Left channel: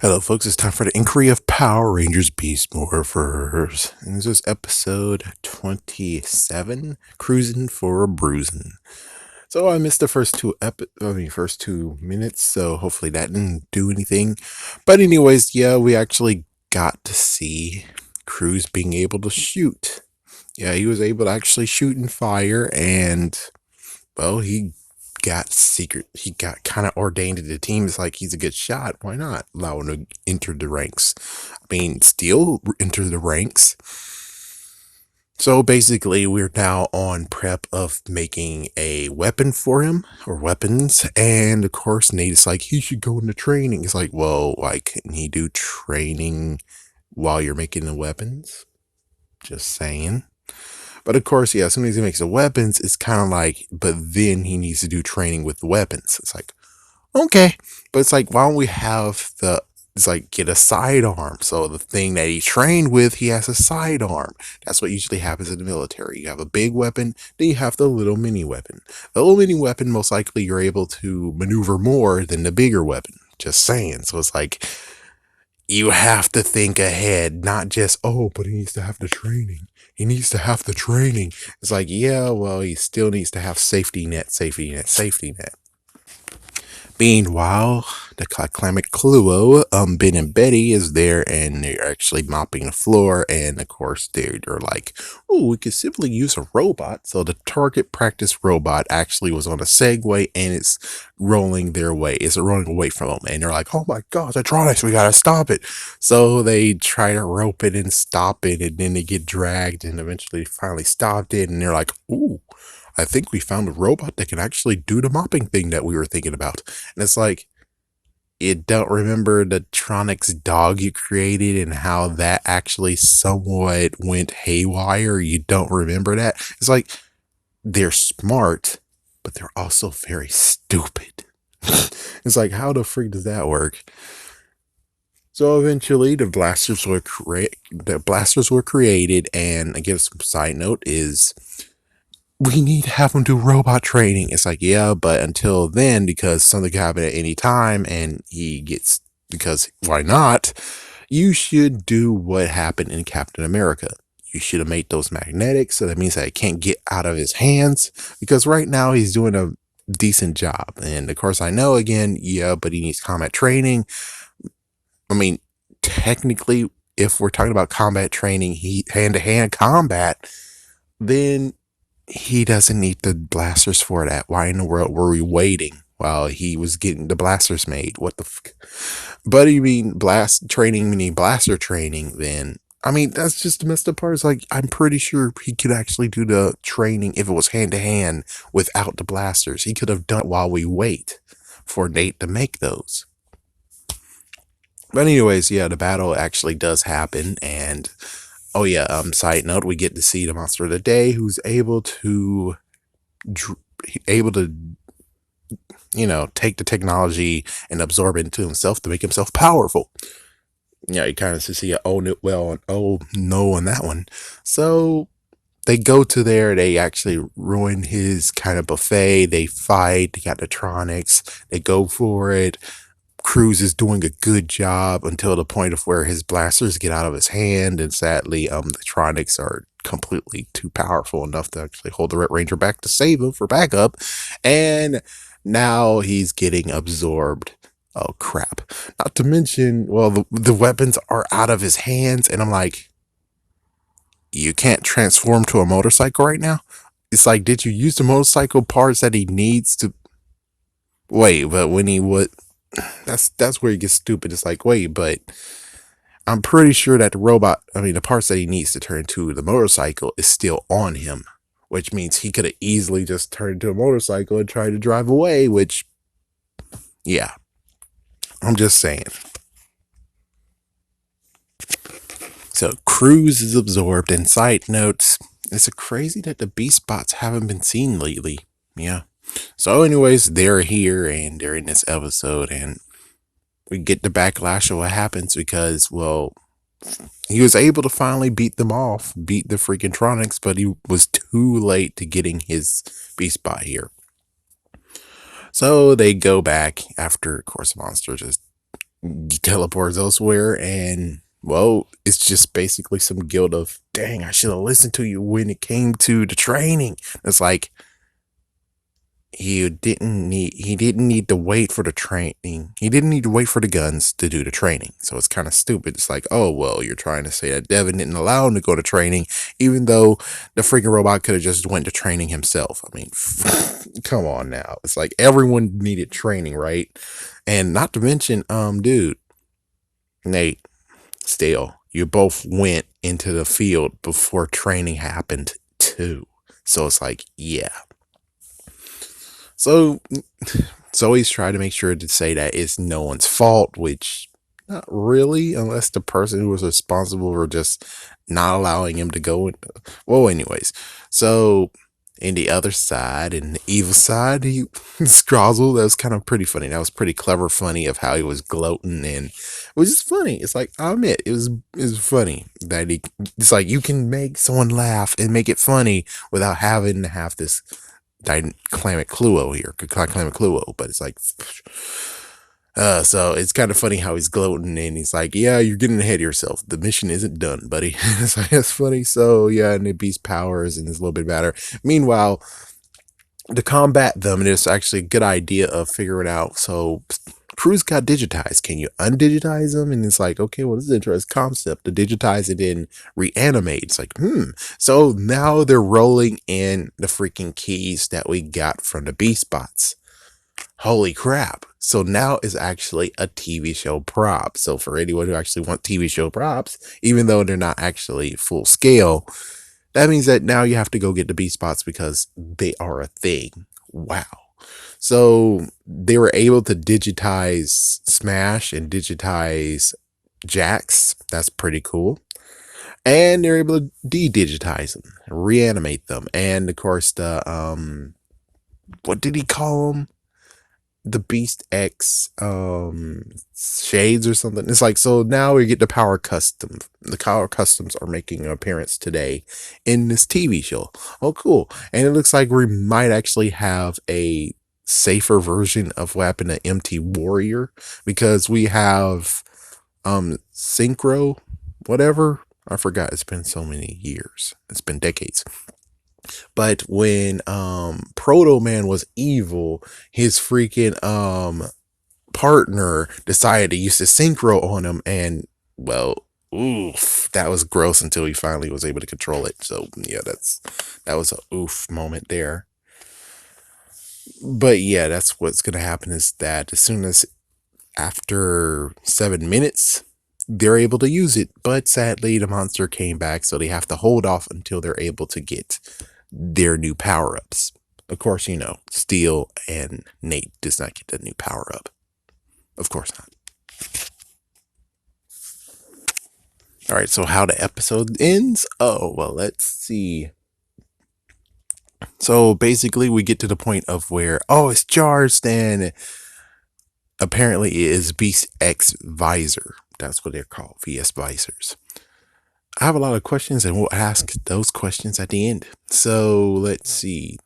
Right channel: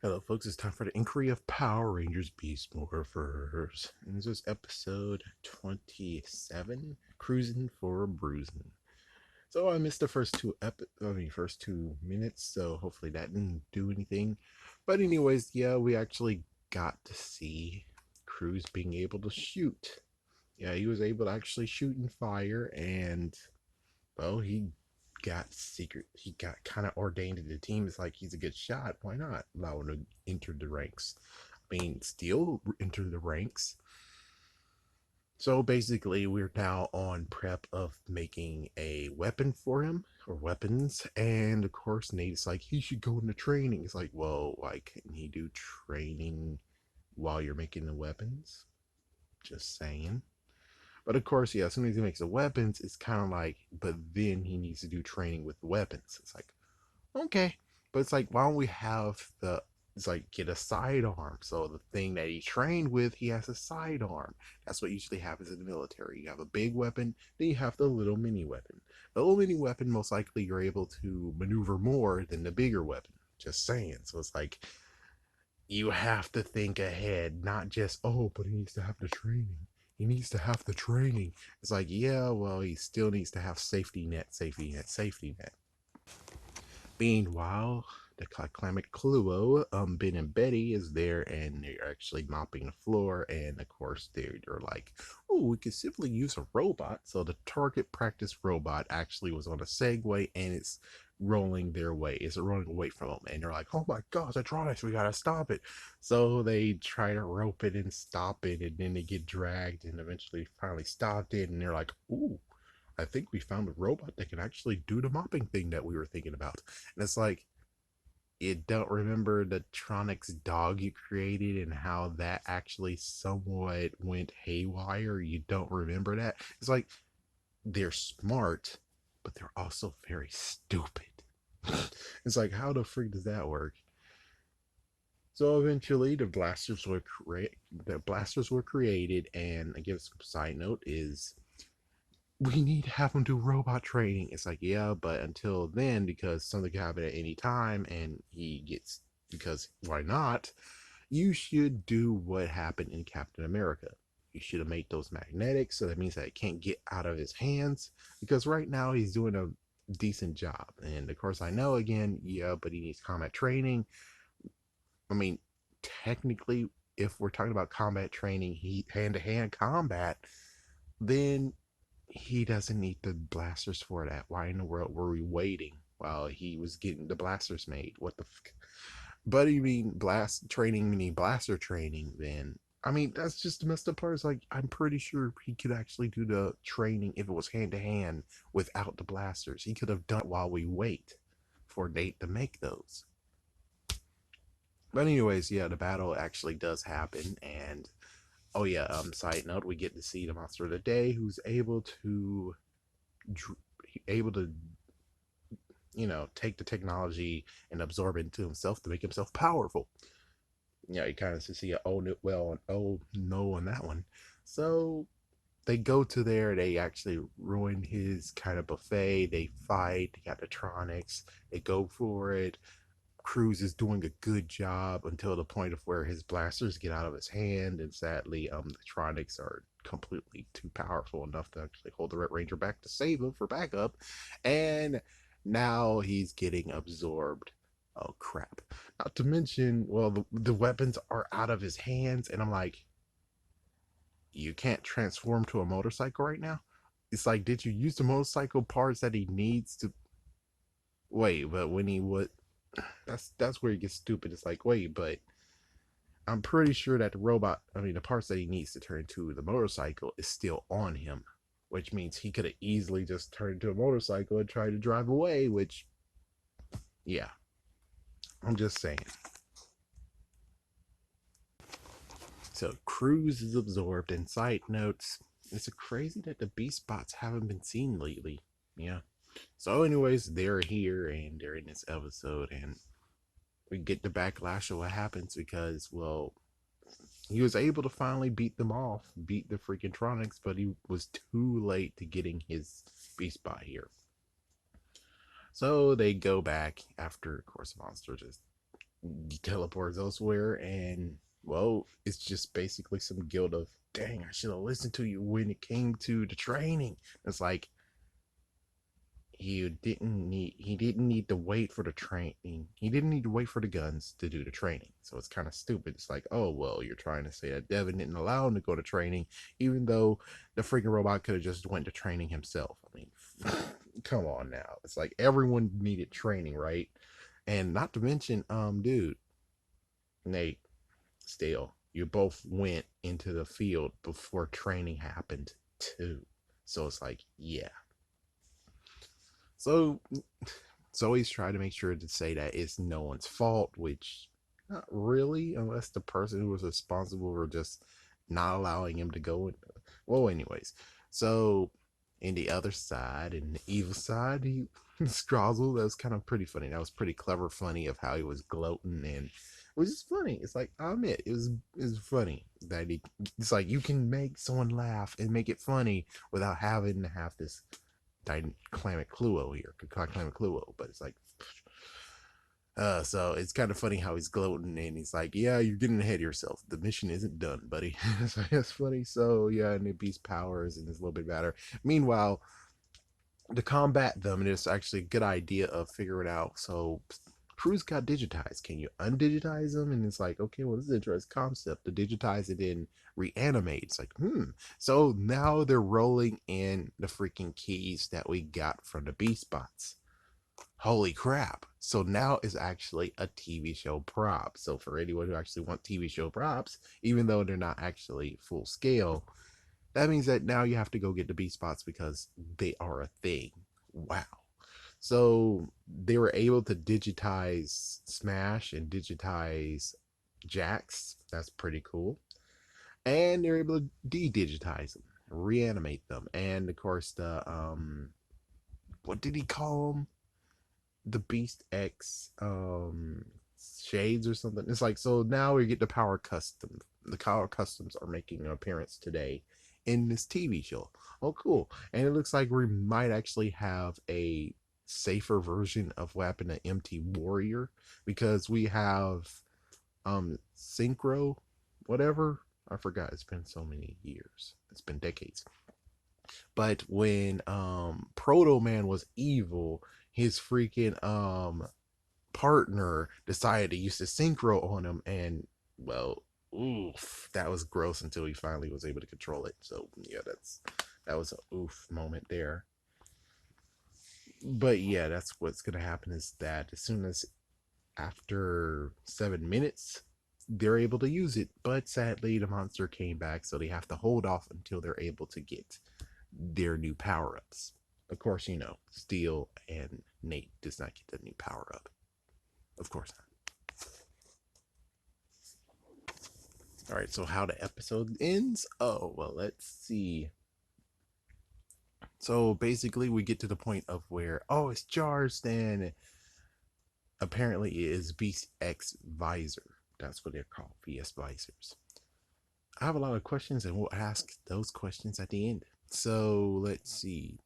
Hello, folks. It's time for the Inquiry of Power Rangers Beast Morphers. And this is episode 27, Cruising for a Bruising. So I missed the first 2 minutes, so hopefully that didn't do anything. But anyways, yeah, we actually got to see Cruz being able to shoot. Yeah, he was able to actually shoot and fire, and well, he got kind of ordained to the team. It's like he's a good shot. Why not allow him to enter the ranks? I mean, still enter the ranks. So basically, we're now on prep of making a weapon for him or weapons. And of course, Nate is like, he should go into training. It's like, well, why couldn't he do training while you're making the weapons? Just saying. But of course, yeah, as soon as he makes the weapons, it's kind of like, but then he needs to do training with the weapons. It's like, okay. But it's like, why don't we have it's like, get a sidearm. So the thing that he trained with, he has a sidearm. That's what usually happens in the military. You have a big weapon, then you have the little mini weapon. The little mini weapon, most likely, you're able to maneuver more than the bigger weapon. Just saying. So it's like, you have to think ahead, not just, oh, but he needs to have the training. He needs to have the training. It's like, yeah, well, he still needs to have safety net, safety net, safety net. Meanwhile, the climate Cluo, Ben and Betty is there and they're actually mopping the floor. And of course, they're like, oh, we could simply use a robot. So the target practice robot actually was on a Segway and it's rolling their way. It's rolling away from them. And they're like, oh my gosh, Atronics, we gotta stop it. So they try to rope it and stop it. And then they get dragged and eventually finally stopped it. And they're like, ooh, I think we found a robot that can actually do the mopping thing that we were thinking about. And it's like, you don't remember the Tronics dog you created and how that actually somewhat went haywire? You don't remember that? It's like, they're smart, but they're also very stupid. It's like, how the freak does that work? So eventually, the blasters were created, and I guess side note is we need to have him do robot training. It's like, yeah, but until then, because something can happen at any time, and because why not? You should do what happened in Captain America. You should have made those magnetic, so that means that it can't get out of his hands, because right now he's doing a decent job. And of course, I know again, yeah, but he needs combat training. I mean, technically, if we're talking about combat training, hand to hand combat, then he doesn't need the blasters for that. Why in the world were we waiting while he was getting the blasters made? What the fuck? But you mean blast training, meaning blaster training, then I mean, that's just the messed up part. Is like, I'm pretty sure he could actually do the training if it was hand to hand without the blasters. He could have done it while we wait for Nate to make those. But anyways, yeah, the battle actually does happen, and oh yeah, side note, we get to see the monster of the day who's able to take the technology and absorb it into himself to make himself powerful. Yeah, you kind of see a oh no, well and oh no on that one. So they go to there, they actually ruin his kind of buffet, they fight, they got the Tronics, they go for it. Cruz is doing a good job until the point of where his blasters get out of his hand, and sadly, the Tronics are completely too powerful enough to actually hold the Red Ranger back to save him for backup, and now he's getting absorbed. Oh crap! Not to mention, well, the weapons are out of his hands, and I'm like, you can't transform to a motorcycle right now. It's like, did you use the motorcycle parts that he needs to? Wait, but when he would that's where he gets stupid. It's like, wait, but I'm pretty sure that the parts that he needs to turn to the motorcycle is still on him, which means he could have easily just turned into a motorcycle and tried to drive away, which, yeah, I'm just saying. So Cruz is absorbed, and side notes, it's crazy that the Beast Bots haven't been seen lately. Yeah. So anyways, they're here and they're in this episode, and we get the backlash of what happens because, well, he was able to finally beat them off, beat the freaking Tronics, but he was too late to getting his Beast Bot here. So they go back after, of course, Monster just He teleports elsewhere, and well, it's just basically some guilt of, dang, I should have listened to you when it came to the training. It's like he didn't need to wait for the training. He didn't need to wait for the guns to do the training. So it's kind of stupid. It's like, oh well, you're trying to say that Devin didn't allow him to go to training, even though the freaking robot could have just went to training himself. I mean, come on now. It's like everyone needed training, right? And not to mention, dude, Nate, still, you both went into the field before training happened too. So it's like, yeah. So Zoe's trying to make sure to say that it's no one's fault, which not really, unless the person who was responsible for just not allowing him to go. Well, anyways, so in the other side, in the evil side, he Scrozzle, that was kind of pretty funny. That was pretty clever, funny of how he was gloating, and it was just funny. It's like, I'll admit, it was funny that it's like you can make someone laugh and make it funny without having to have this dynamic Cluo here, dynamic Cluo, but it's like, so it's kind of funny how he's gloating and he's like, yeah, you're getting ahead of yourself. The mission isn't done, buddy. It's like, that's funny. So yeah, and it beats powers and it's a little bit better. Meanwhile, to combat them, and it's actually a good idea of figuring out. So Cruz got digitized. Can you undigitize them? And it's like, okay, well, this is an interesting concept to digitize it and reanimate. It's like, So now they're rolling in the freaking keys that we got from the Beast Bots. Holy crap. So now is actually a TV show prop. So for anyone who actually wants TV show props, even though they're not actually full scale, that means that now you have to go get the B spots because they are a thing. Wow. So they were able to digitize Smash and digitize Jax. That's pretty cool. And they're able to de-digitize them, reanimate them. And of course what did he call them? The Beast X shades or something. It's like, so now we get the power custom. The power customs are making an appearance today in this TV show. Oh, cool. And it looks like we might actually have a safer version of what happened to MT Warrior, because we have Synchro, whatever. I forgot. It's been so many years. It's been decades. But when Proto Man was evil, his freaking partner decided to use the synchro on him, and well, oof, that was gross until he finally was able to control it. So yeah, that was a oof moment there. But yeah, that's what's gonna happen, is that as soon as after 7 minutes, they're able to use it. But sadly, the monster came back, so they have to hold off until they're able to get their new power-ups. Of course, Steel and Nate does not get the new power-up. Of course not. All right, so how the episode ends? Oh, well, let's see. So basically, we get to the point of where, oh, it's charged, and apparently it is Beast X Visor. That's what they're called, VS Visors. I have a lot of questions, and we'll ask those questions at the end. So let's see.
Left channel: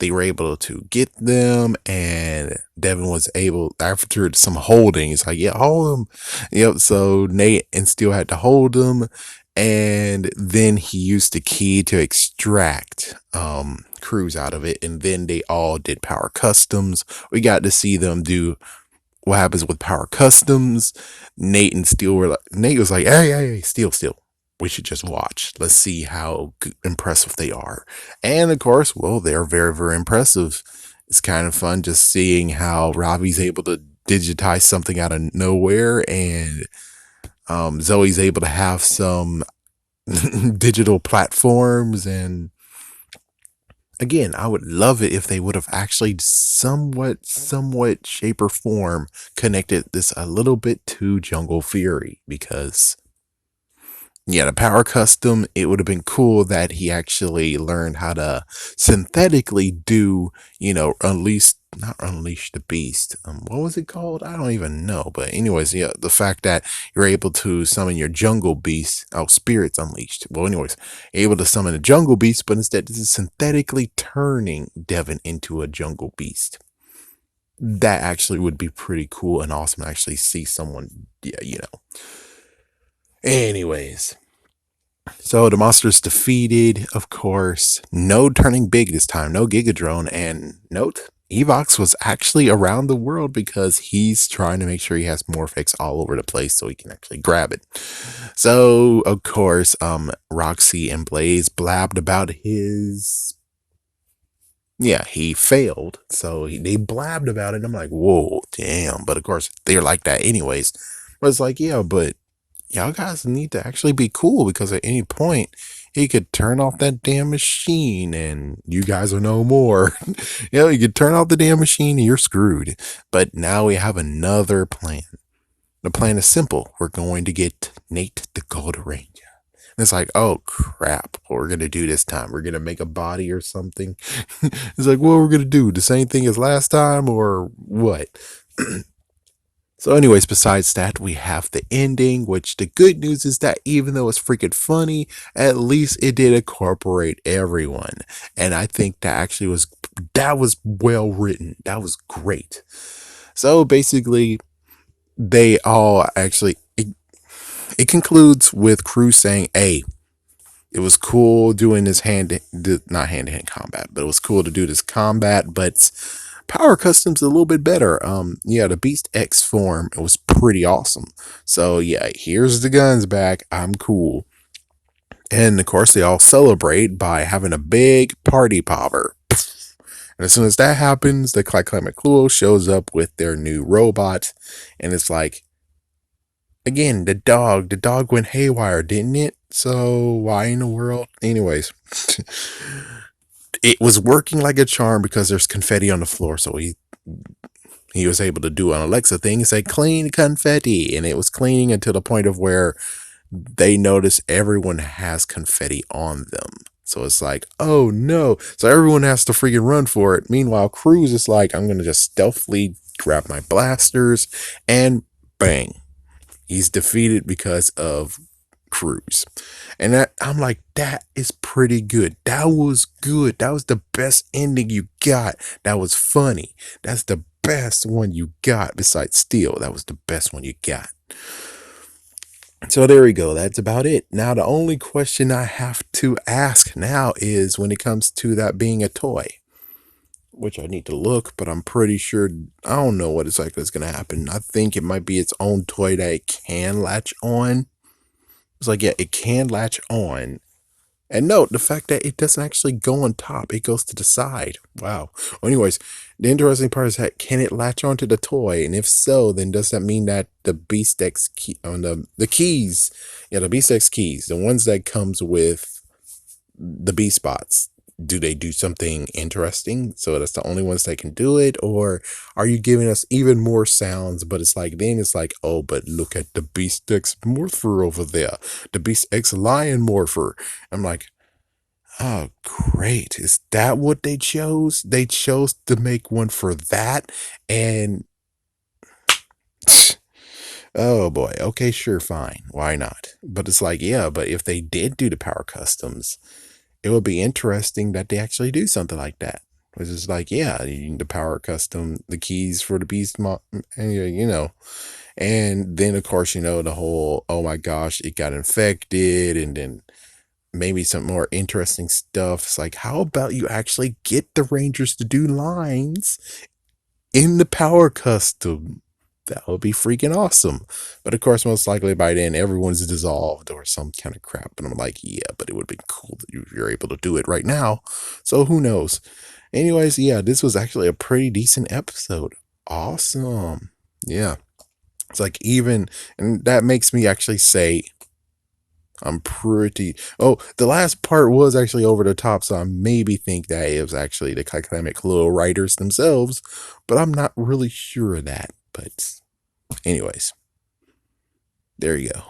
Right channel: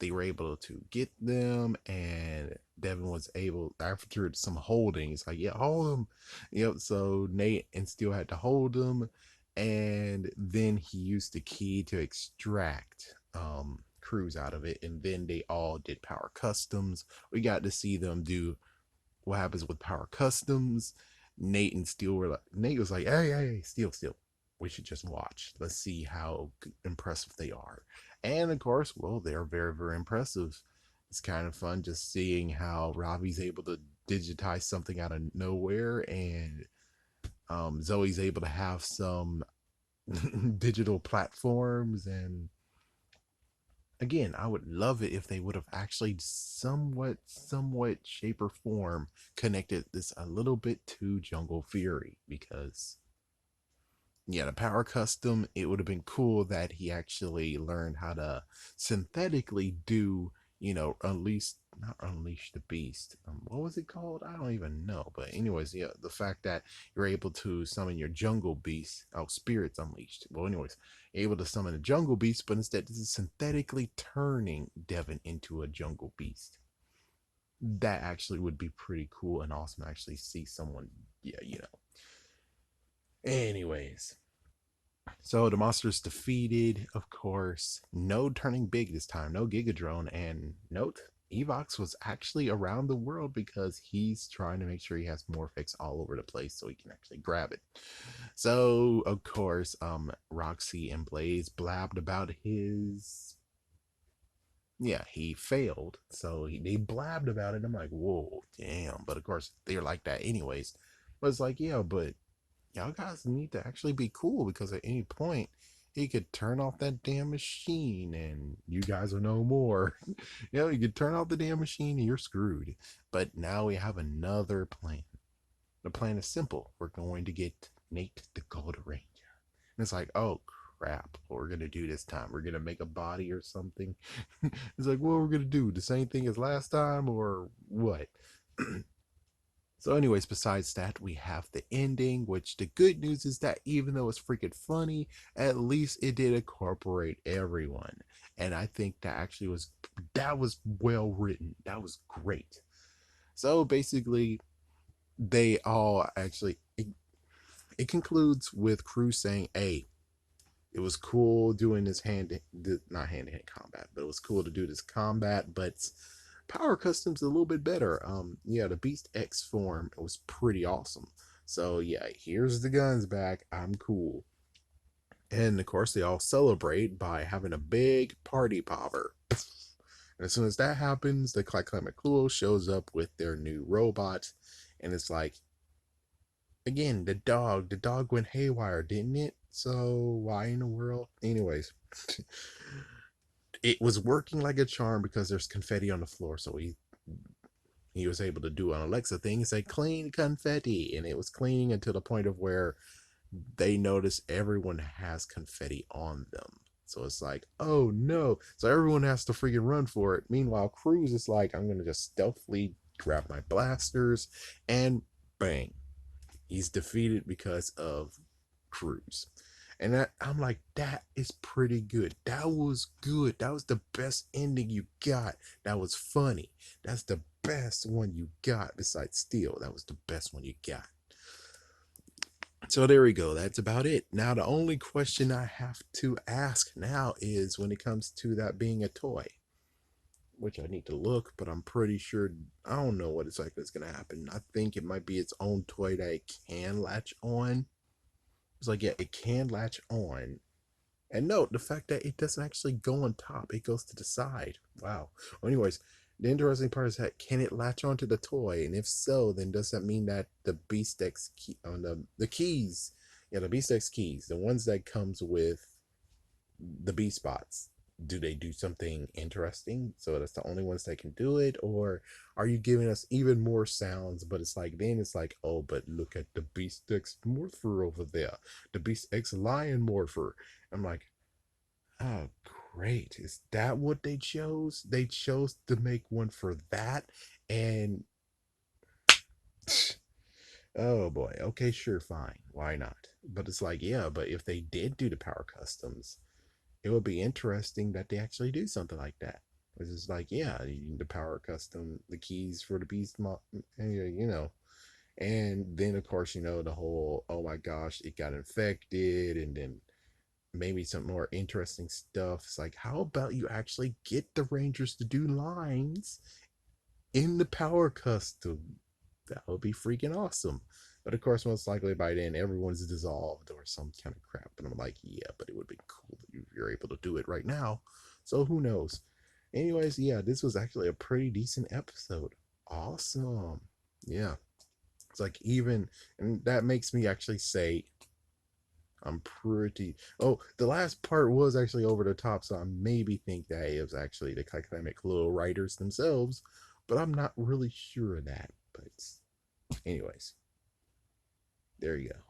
They were able to get them, and Devin was able, after some holding, it's like, yeah, hold them. Yep. So Nate and Steel had to hold them, and then he used the key to extract Cruz out of it, and then they all did power customs. We got to see them do what happens with power customs. Nate and Steel were like, Nate was like, hey, Steel, we should just watch. Let's see how impressive they are. And of course, well, they're very, very impressive. It's kind of fun just seeing how Robbie's able to digitize something out of nowhere, and Zoe's able to have some digital platforms. And again, I would love it if they would have actually somewhat shape or form connected this a little bit to Jungle Fury, because yeah, the power custom, it would have been cool that he actually learned how to synthetically do, not unleash the beast. What was it called? I don't even know. But anyways, yeah, the fact that you're able to summon your jungle beast, spirits unleashed. Well, anyways, you're able to summon a jungle beast, but instead this is synthetically turning Devin into a jungle beast. that actually would be pretty cool and awesome to actually see someone, yeah, Anyways, so the monster's defeated, of course. No turning big this time, no Gigadrone. And note, Evox was actually around the world because he's trying to make sure he has Morphix all over the place so he can actually grab it. So, of course, Roxy and Blaze blabbed about his. Yeah, he failed. So they blabbed about it. I'm like, whoa, damn. But of course, they're like that anyways. But it's like, yeah, but y'all guys need to actually be cool because at any point he could turn off that damn machine and you guys are no more. You could turn off the damn machine and you're screwed. But now we have another plan. The plan is simple. We're going to get Nate the Gold Ranger. And it's like, oh crap, what we're gonna do this time? We're gonna make a body or something. It's like, what we're gonna do? The same thing as last time or what? So, anyways, besides that, we have the ending, which the good news is that even though it's freaking funny, at least it did incorporate everyone. And I think that was well written. That was great. So basically, they all actually it concludes with Cruz saying, hey, it was cool doing this not hand to hand combat, but it was cool to do this combat, but Power Custom's a little bit better. Yeah, the Beast X form, it was pretty awesome. So yeah, here's the guns back. I'm cool. And of course, they all celebrate by having a big party popper. And as soon as that happens, the Climate Clue shows up with their new robot, and it's like, again, the dog went haywire, didn't it? So why in the world? Anyways, it was working like a charm because there's confetti on the floor. So he was able to do an Alexa thing and say clean confetti, and it was cleaning until the point of where they notice everyone has confetti on them. So it's like, oh no. So everyone has to freaking run for it. Meanwhile, Cruz is like, I'm gonna just stealthily grab my blasters and bang. He's defeated because of Cruz. And I'm like, that is pretty good. That was good. That was the best ending you got. That was funny. That's the best one you got besides Steel. That was the best one you got. So there we go. That's about it. Now, the only question I have to ask now is when it comes to that being a toy, which I need to look, but I'm pretty sure I don't know what exactly is going to happen. I think it might be its own toy that it can latch on. It's like, yeah, it can latch on. And note the fact that it doesn't actually go on top, it goes to the side. Wow. Well, anyways, the interesting part is that can it latch onto the toy? And if so, then does that mean that the Beast X key on the keys, the Beast X keys, the ones that comes with the B spots, do they do something interesting? So that's the only ones that can do it, or are you giving us even more sounds? But it's like then it's like, oh, but look at the Beast X Morpher over there, the Beast X Lion Morpher. I'm like, oh, great. Is that what they chose? They chose to make one for that. And oh boy, okay, sure, fine. Why not? But it's like, yeah, but if they did do the power customs, it would be interesting that they actually do something like that. Which is like, yeah, you need the power custom, the keys for the and then of course, the whole, oh my gosh, it got infected, and then maybe some more interesting stuff. It's like, how about you actually get the Rangers to do lines in the power custom? That would be freaking awesome. But of course, most likely by then, everyone's dissolved or some kind of crap. And I'm like, yeah, but it would be cool that you're able to do it right now. So who knows? Anyways, yeah, this was actually a pretty decent episode. Awesome. Yeah. It's like and that makes me actually say, I'm pretty. Oh, the last part was actually over the top, so I maybe think that it was actually the Climate Clue writers themselves, but I'm not really sure of that. But, anyways, there you go.